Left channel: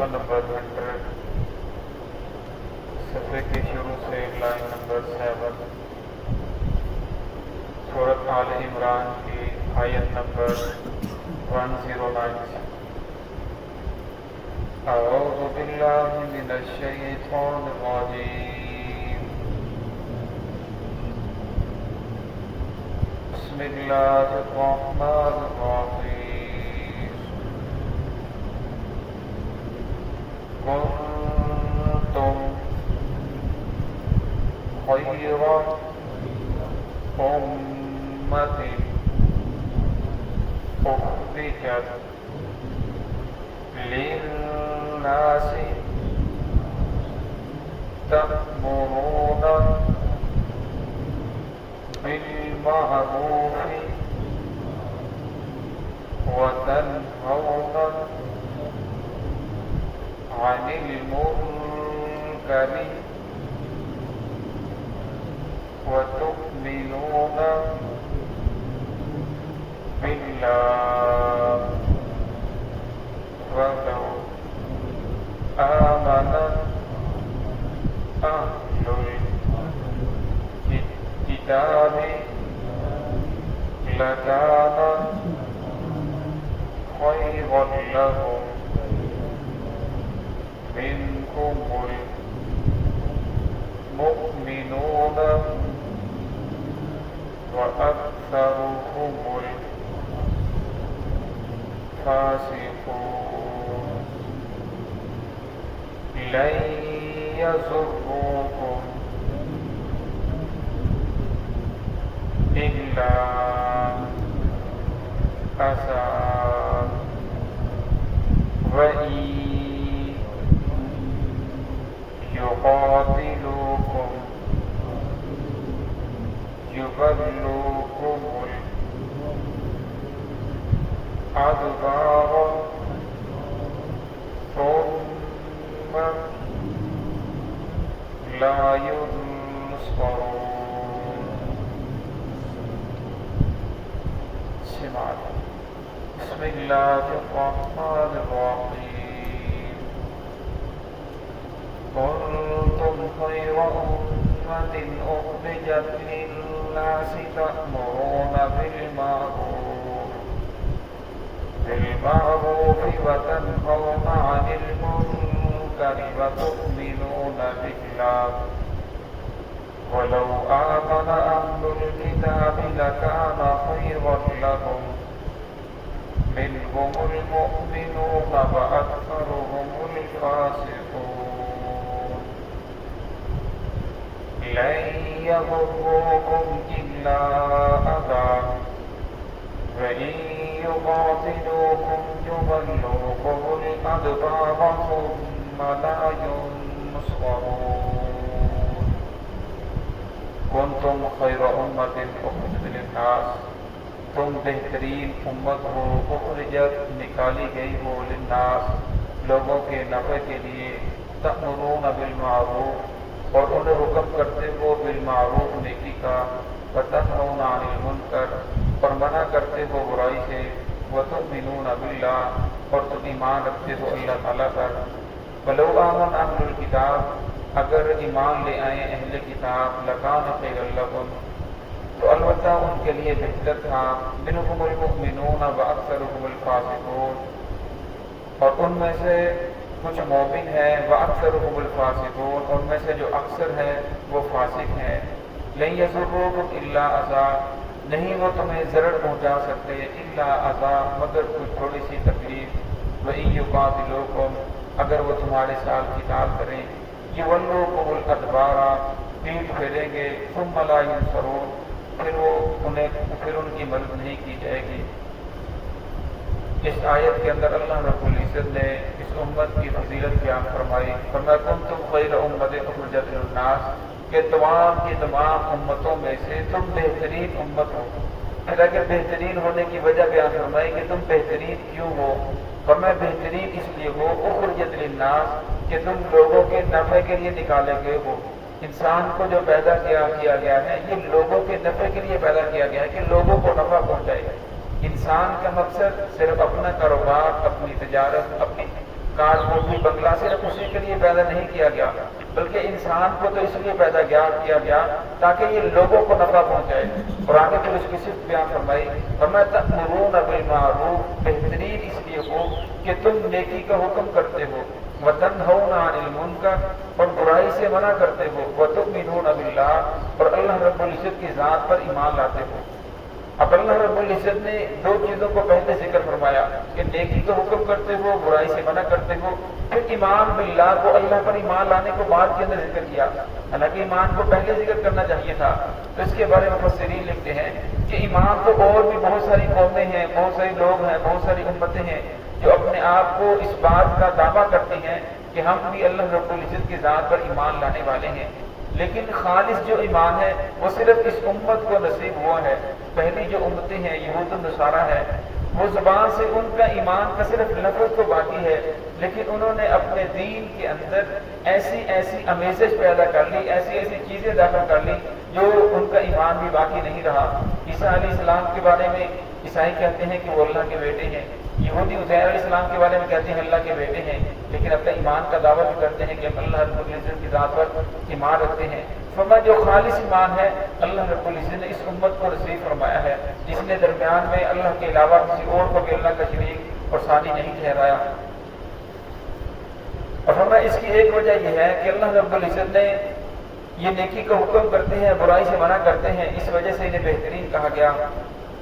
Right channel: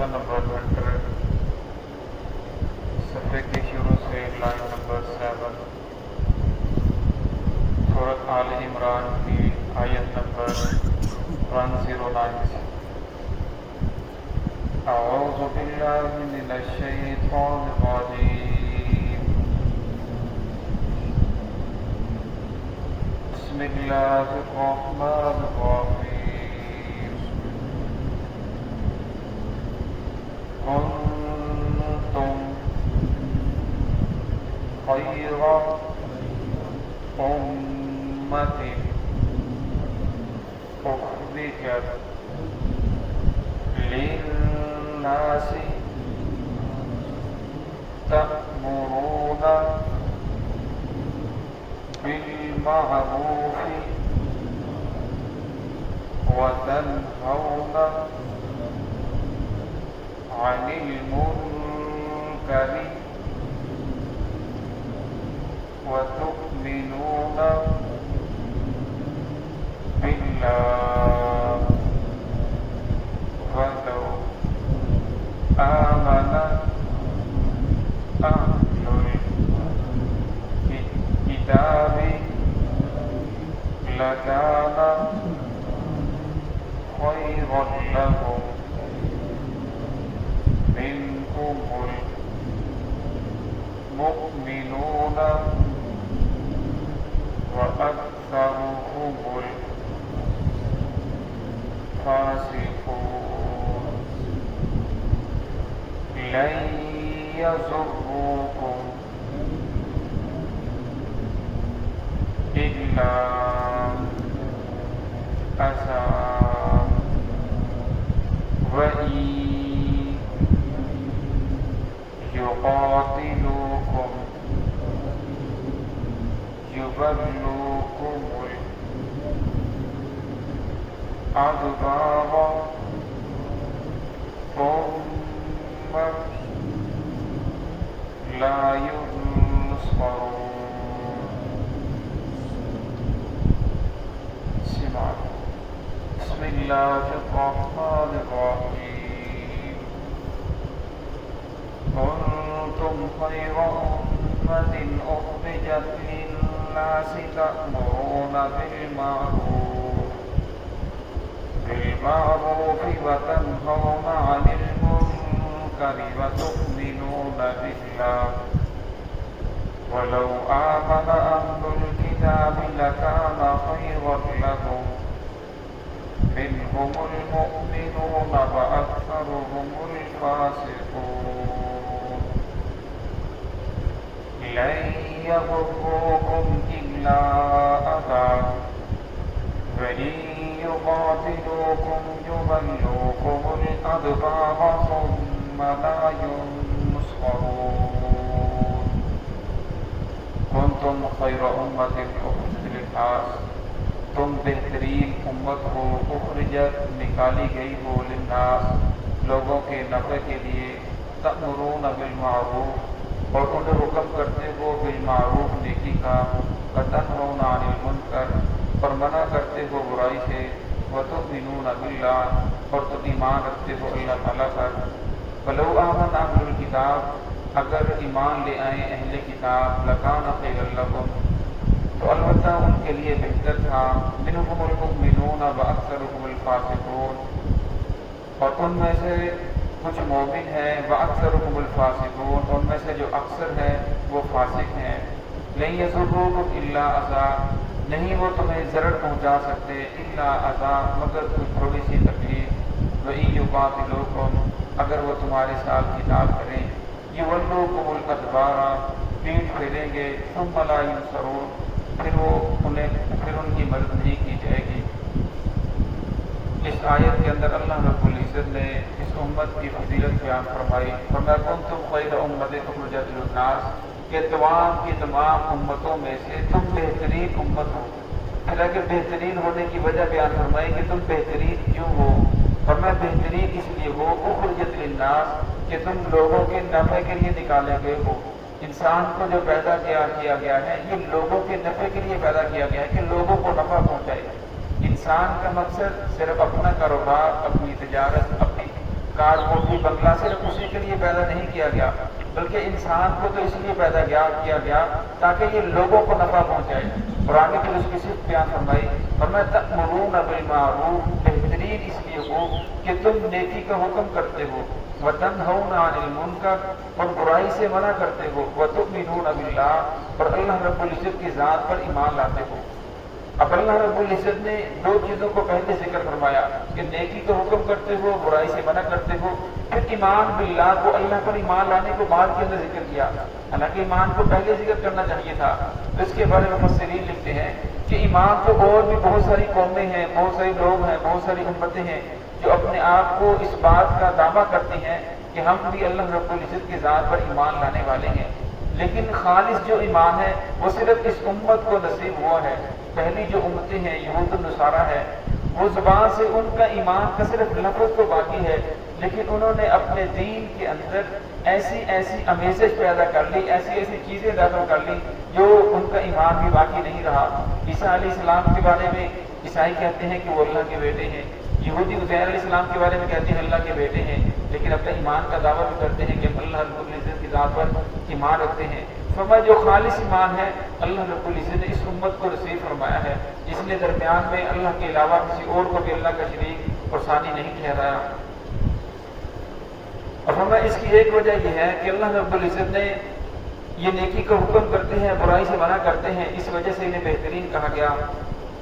صفحہ نمبر 100 صفحے کی شروع سے لائن نمبر 7 سورۃ آل عمران کی آیت نمبر 109 اعوذ باللہ من الشیطان الرجیم بسم اللہ الرحمن الرحیم کنتم خیر امت اخرجت للناس تأمرون بالمعروف وتنهون عن المنكر وتؤمنون بالله ولو آمن أهل الكتاب لكان خيرا لهم منهم المؤمنون وأكثرهم الفاسقون لن يضروكم إلا أذى وإن يقاتلوكم يولوكم الأدبار ثم لا ينصرون. بسم الله الرحمن الرحيم كنتم خير أمة أخرجت للناس تأمرون بالمعروف وتنهون عن المنكر وتؤمنون بالله ولو آمن أهل الكتاب لكان خيرا لهم منهم المؤمنون وأكثرهم الفاسقون لن يضروكم إلا أذى وإن يقاتلوكم يولوكم الأدبار ثم لا ينصرون. كنتم خير أمة أخرجت للناس تم بہترین امت ہو اخرجت نکالی گئی ہو للناس لوگوں کے نفع کے لیے تأمرون بالمعروف اور انہیں حکم کرتے ہو بالمعروف نیکی کا وتنہون عن المنکر اور منع کرتے ہو برائی سے وتؤمنون باللہ اور تم ایمان رکھتے ہو اللہ تعالیٰ پر ولو آمن اہل الکتاب اگر ایمان لے آئیں اہل کتاب لکان خیرا لکم تو البتہ ان کے لیے بہتر تھا منہم المؤمنون واکثرهم الفاسقون اور ان میں سے کچھ مومن ہیں واکثرهم الفاسقون ان میں سے جو اکثر ہے وہ فاسق ہیں لن یضروکم الا اذى نہیں وہ تمہیں ضرر پہنچا سکتے الا اذى مگر کچھ تھوڑی سی تکلیف وَإِن يُقَاتِلُوكُمْ اگر وہ تمہارے ساتھ قتال کریں يُوَلُّوكُمُ الْأَدْبَارَ پیٹھ پھیریں گے ثُمَّ لَا يُنصَرُونَ پھر ان کی مدد نہیں کی جائے گی. اس آیت کے اندر اللہ رب العزت نے اس امت کی فضیلت بیان فرمائی وَمَا كُنتُمْ خَيْرَ أُمَّةٍ أُخْرِجَتْ لِلنَّاسِ کہ تمام کی تمام امتوں میں سے تم بہترین امت ہو. پھر اگر بہترین ہونے کی وجہ بیان فرمائی کہ تم بہترین کیوں ہو فرمایا بہترین اس لیے ہو اخرجت للناس کہ تم لوگوں کے نفع کے لیے نکالے گئے ہو. انسان کو جو پیدا کیا گیا ہے یہ لوگوں کے نفع کے لیے پیدا کیا گیا ہے کہ لوگوں کو نفع پہنچائے. انسان کا مقصد صرف اپنا کاروبار، اپنی تجارت، اپنی کار کوٹھی بنگلہ صرف اسی کے لیے پیدا نہیں کیا گیا، بلکہ انسان کو تو اس لیے پیدا کیا گیا تاکہ یہ لوگوں کو نفع پہنچائے۔ اور آگے پھر اس کی صرف بیان فرمائی، تأمرون بالمعروف، بہترین اس لیے ہو کہ تم نیکی کا حکم کرتے ہو، وتنہون عن المنکر، اور برائی سے منع کرتے ہو، وتؤمنون باللہ، اور اللہ رب العزت کی ذات پر ایمان لاتے ہو۔ اب اللہ رب العزت نے دو چیزوں کو پہلے ذکر فرمایا کہ نیکی کا حکم کرتے ہو، برائی سے منع کرتے ہو، پھر ایمان باللہ کو اللہ پر ایمان لانے کو بعد کے اندر ذکر کیا، حالانکہ ایمان کو پہلے ذکر کرنا چاہیے تھا۔ تو اس کے بارے میں مفسرین لکھتے ہیں کہ ایمان تو اور بھی بہت ساری قومیں ہیں، بہت سارے لوگ ہیں، بہت ساری امتیں ہیں جو اپنے آپ کو اس بات کا دعویٰ کرتے ہیں کہ ہم بھی اللہ رب العزت کی ذات پر ایمان لانے والے ہیں، لیکن خالص جو ایمان ہے وہ صرف اس امت کو نصیب ہوا ہے۔ پہلی جو امتیں ہیں یہود النصارہ ہے، وہ زبان سے ان کا ایمان کا صرف لفظ تو باقی ہے، لیکن انہوں نے اپنے دین کے اندر ایسی امیزش پیدا کر لی، ایسی چیزیں داخل کر لی جو ان کا ایمان بھی باقی نہیں رہا۔ عیسیٰ علیہ السلام کے بارے میں عیسائی کہتے ہیں کہ وہ اللہ کے بیٹے ہیں، یہودی عزیر علیہ السلام کے بارے میں کہتے ہیں اللہ کے بیٹے ہیں، لیکن اپنے ایمان کا دعویٰ بھی کرتے ہیں کہ ہم اللہ رب العزت کی ذات پر ایمان رکھتے ہیں۔ فرمایا جو خالص ایمان ہے اللہ رب العزت نے اس امت کو نصیب فرمایا ہے، جس نے درمیان میں اللہ کے علاوہ کسی اور کو بھی اللہ کا شریک اور ثانی نہیں ٹھہرایا۔ اور فرمایا اس کی ایک وجہ یہ ہے کہ اللہ رب العزت نے یہ نیکی کا حکم کرتے ہیں، برائی سے منع کرتے ہیں، اس وجہ سے انہیں بہترین کہا گیا۔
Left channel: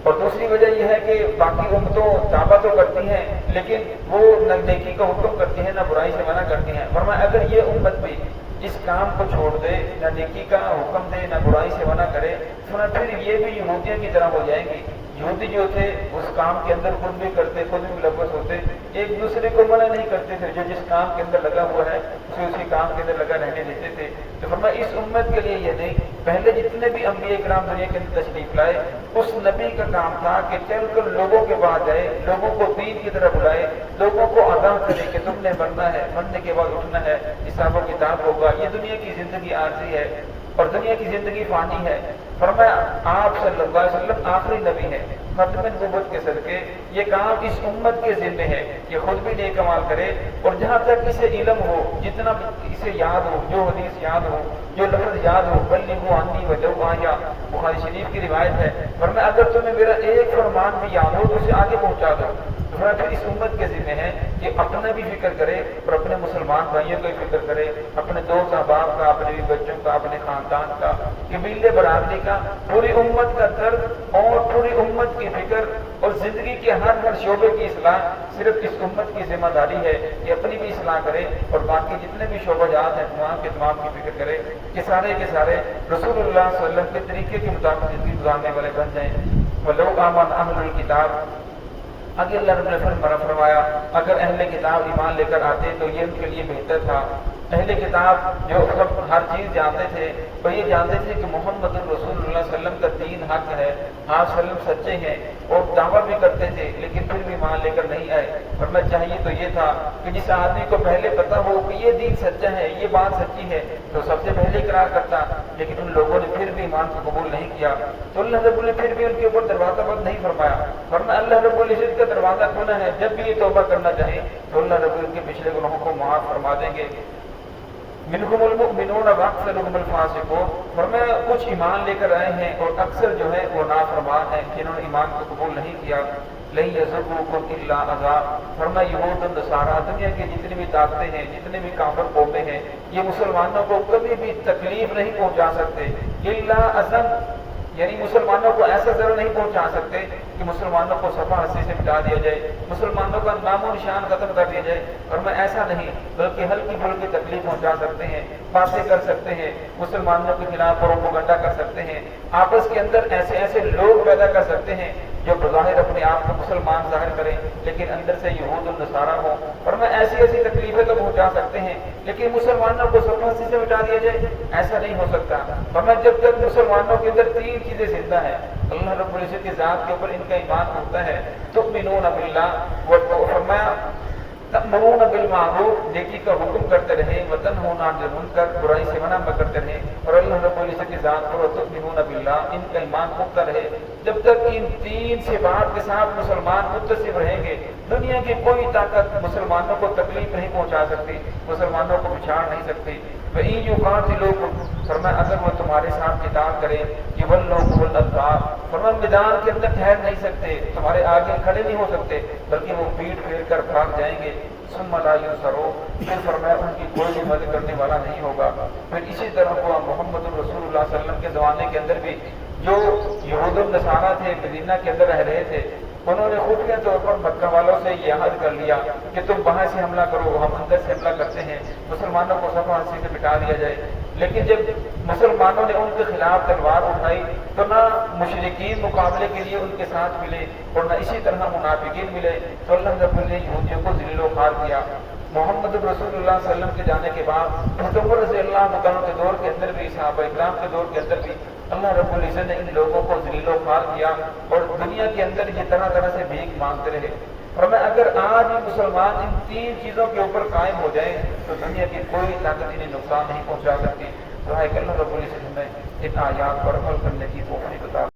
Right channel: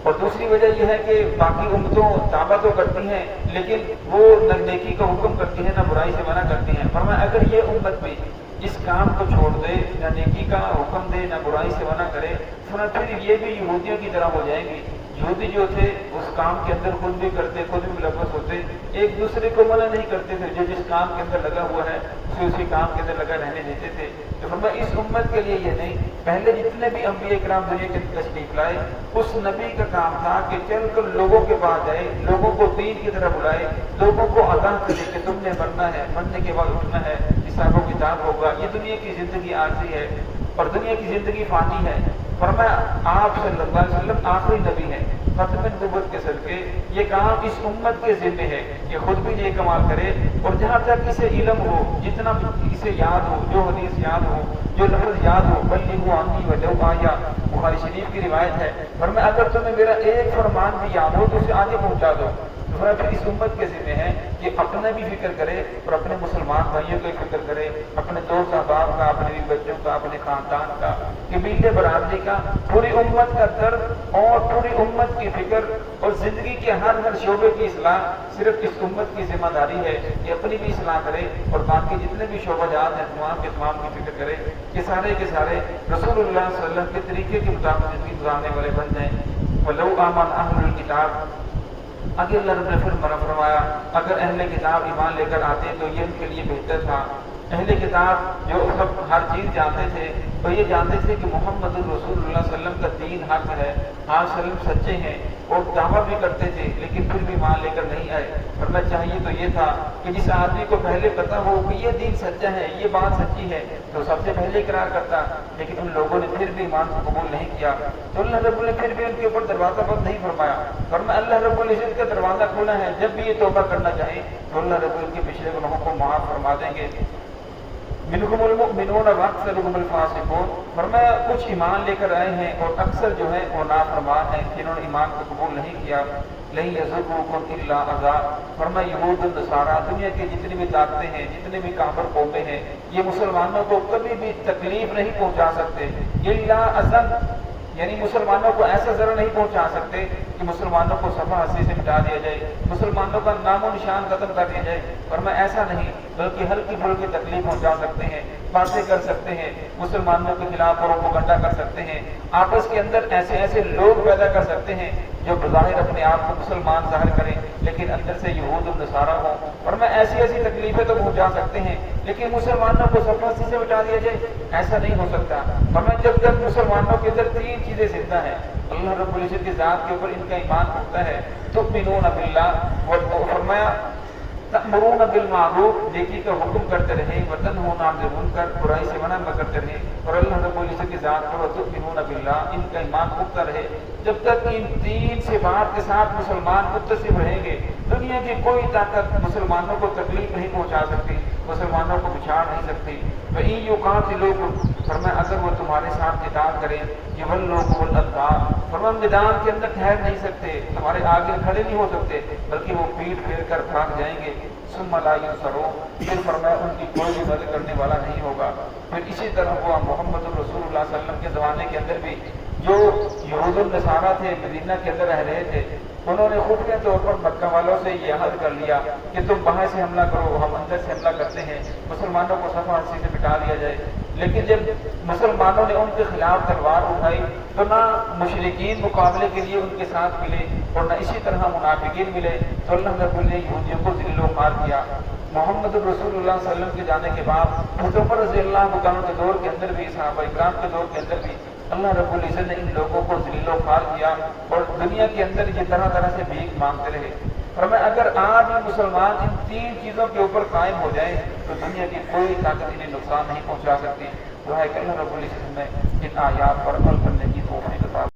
اور دوسری وجہ یہ ہے کہ باقی امتوں دعویٰ تو کرتی ہیں لیکن وہ نہ نیکی کا حکم کرتی ہیں نہ برائی سے منع کرتی ہیں۔ فرمایا اگر یہ امت بھی اس کام کو چھوڑ دے، نہ نیکی کا حکم دے نہ برائی سے منع کرے، پھر یہ بھی یہودیوں کی طرح ہو جائیں گی۔ یہودی جو تھے اس کام کے اندر خود بھی کرتے، خود بھی ملوث ہوتے، ایک دوسرے کو منع نہیں کرتے تھے، جو جس کام کے اندر لگا ہوا ہے اسے اسی کام کے اندر لگا رہنے دیتے تھے۔ تو فرمایا اس امت کے لیے یہ نہیں، پہلے جتنے بھی انبیاء کرام دنیا کے اندر تشریف لائے، اس نبی کا کام تھا کہ چل کر لوگوں کے پاس جائے، لوگوں کو دین کی طرف بلائے، لوگوں کو آگاہ کرے کہ تم نے مرنا ہے، مرنے کے بعد اٹھنا ہے، حساب و کتاب ہوگا، یہ دنیا کی زندگی عارضی ہے اور دنیا کی زندگی فانی ہے۔ فرمایا آپ صلی اللہ علیہ وسلم آخری نبی ہیں، ختم نبوت کے صدقے یہ کام اس امت کے ذمے ہے کہ خود بھی نیک عمل کرے، اور جہاں تک اسے علم ہو، جتنا بھی اسے یاد ہو، جو حدیث یاد ہو، جو لفظ یاد ہو، بلغوا عنی ولو آیا، بخاری شریف کی روایت ہے۔ فرمایا اگر تمہیں میرا ایک فرمان بھی یاد ہو تو اسے آگے پہنچا دو۔ پھر اس امت کے ذمہ ہے کہ اپنا بھی فکر کرے اور اپنے مسلمان بھائیوں کا فکر کرے، اپنے دوست احباب کا، اپنے بچوں کا، اپنے خاندان کا، قبیلے برادری کا، پوری امت کا درد اور پوری امت کی فکر اور زندگی کے ہر شعبے کی اصلاح صرف اس امت کی ذمہ داری ہے کہ اپنی بھی اصلاح کرے اور باقی جتنے بھی شعبہ جات ہیں تمام کے تمام کی فکر کرے کہ سارے کے سارے رسول اللہ صلی اللہ علیہ وسلم کے طریقے کے مطابق زندگی گزارنے والے بن جائیں۔ وَلَوْ آمَنَ أَهْلُ الْكِتَابِ، آگے اللہ رب نے فرمایا اگر اہل کتاب ایمان لے کر آتے تو یہ ان کے لیے بہتر تھا۔ اہل کتاب جو اس وقت ہر چیز جانتے تھے وہ یہ جانتے تھے کہ محمد الرسول اللہ صلی اللہ علیہ وسلم کا دین حق ہے، آپ صلی اللہ علیہ وسلم سچے ہیں، اور دعویٰ بھی کرتے تھے لیکن پھر بھی ایمان لے کر نہیں آئے۔ اور میں چاہیے تو یہ تھا کہ جس آدمی کو پہلے پتا ہو کہ یہ دین سچا ہے، یہ بات سچی ہے، تو سب سے پہلے اقرار کرتا، لیکن ان لوگوں نے پھر بھی ایمان کو قبول نہیں کیا تو اللہ رب نے پھر بھی ان کے اوپر دروازہ بند نہیں فرمایا، ورنہ اللہ رب العزت کا دروازہ کھلا ہے، جب بھی یہ توبہ کرنا چاہے تو اللہ رب ان کے پچھلے گناہوں کو معاف فرما دیں گے۔ منہم المؤمنون واکثرهم الفاسقون، فرمایا کچھ ایمان لے کر آئے ہیں اور اکثر جو ہے وہ نافرمان ہیں جنہوں نے ایمان کو قبول نہیں کیا۔ لن یضروکم الا اذى، فرمایا یہود و نصارہ دنیا کی جتنی بھی طاقتیں ہیں، جتنے بھی کافر قومیں ہیں، یہ مسلمانوں کو کبھی بھی تکلیف نہیں پہنچا سکتے، الا اذى، یعنی مسلمانوں کو ایسا ضرر نہیں پہنچا سکتے کہ مسلمانوں کو صفحہ ہستی سے مٹا دیا جائے، مسلمانوں کا نام و نشان ختم کر دیا جائے، اور میں ایسا نہیں بلکہ ہلکی پھلکی تکلیف پہنچا سکتے ہیں، باتیں کر سکتے ہیں، مسلمانوں کے خلاف پروپیگنڈا کر سکتے ہیں، آپس کے اندر ایسے لوگ پیدا کر سکتے ہیں جو بظاہر اپنے آپ کو مسلمان ظاہر کریں لیکن اندر سے یہود و نصارہ ہوں، اور میں ایسی تکلیفیں تو پہنچا سکتے ہیں لیکن مسلمانوں کو صفحہ ہستی سے مٹا دیا جائے، ایسا نہیں ہو سکتا۔ اور میں جب تک مسلمانوں کے اندر تین چیزیں زندہ ہیں، اللہ رب العزت کی ذات کے اوپر ان کا ایمان ہوتا ہے، تؤمنون باللہ، فرمایا تأمرون بالمعروف، نیکی کا حکم کرتے رہیں، وتنہون عن المنکر، برائی سے منع کرتے رہیں، اور اللہ رب العزت کی ذات پر تؤمنون باللہ، ان کا ایمان پختہ رہے۔ جب تک ان تین صفات کے ساتھ مسلمان متصف رہیں گے دنیا کی کوئی طاقت مسلمانوں کو تکلیف نہیں پہنچا سکتی، مسلمانوں کو بچھاڑ نہیں سکتی۔ وَإِن يُقَاتِلُوكُمْ فرمایا اگر وہ تمہارے ساتھ قتال کرے يَوَلُّوكُمُ الْأَدْبَارَ فرمایا میدان کے اندر ٹھہر نہیں سکتے، تمہارے آگے کھڑے نہیں ہو سکتے، بلکہ وہ پیٹ پھیر کر بھاگ جائیں گے۔ ثم لا ينصرون پھر فرمایا ان کی کوئی مدد کرنے والا نہیں ہوگا۔ پھر اسی طرح ہوا محمد رسول اللہ صلی اللہ علیہ وسلم کے زمانے کے اندر بھی جو یہود النصارہ تھے مدینہ کے اندر رہ رہے تھے، انہوں نے خفیہ طور پر مکہ والوں سے یہ عہد کر لیا کہ تم وہاں سے حملہ کرو، ہم اندر سے حملہ کرتے ہیں، مسلمانوں کو صفا ہنسی سے مٹا دیا جائے۔ لیکن جب مسلمانوں نے ان کے خلاف تلوار اٹھائی تو نہ مشرکین مقابلے کے لیے ان کے ساتھ ملے اور نہ اسی طرح منافقین ملے، تو اللہ رب نے یہودیوں کو ذلیل و خوار کیا۔ محمد رسول اللہ صلی اللہ علیہ وسلم کے جانے کے بعد حضرت عمر رضی اللہ عنہ کے دور کے اندر بھی، صحابہ اکرام کے دور کے اندر بھی اللہ رب العزت نے ان لوگوں کو ذلیل و خوار کیا اور دنیا کے اندر یہ طرح طرح سے بھیک مانگتے رہے۔ فرمایا اگر آج مسلمان ان تین چیزوں کے اوپر قائم ہو جائیں تو دنیا کی کوئی طاقت انہیں نقصان نہیں پہنچا سکتی۔ دعا ہے کہ اللہ رب العزت ہمیں ان آیات پر عمل کرنے کی توفیق عطا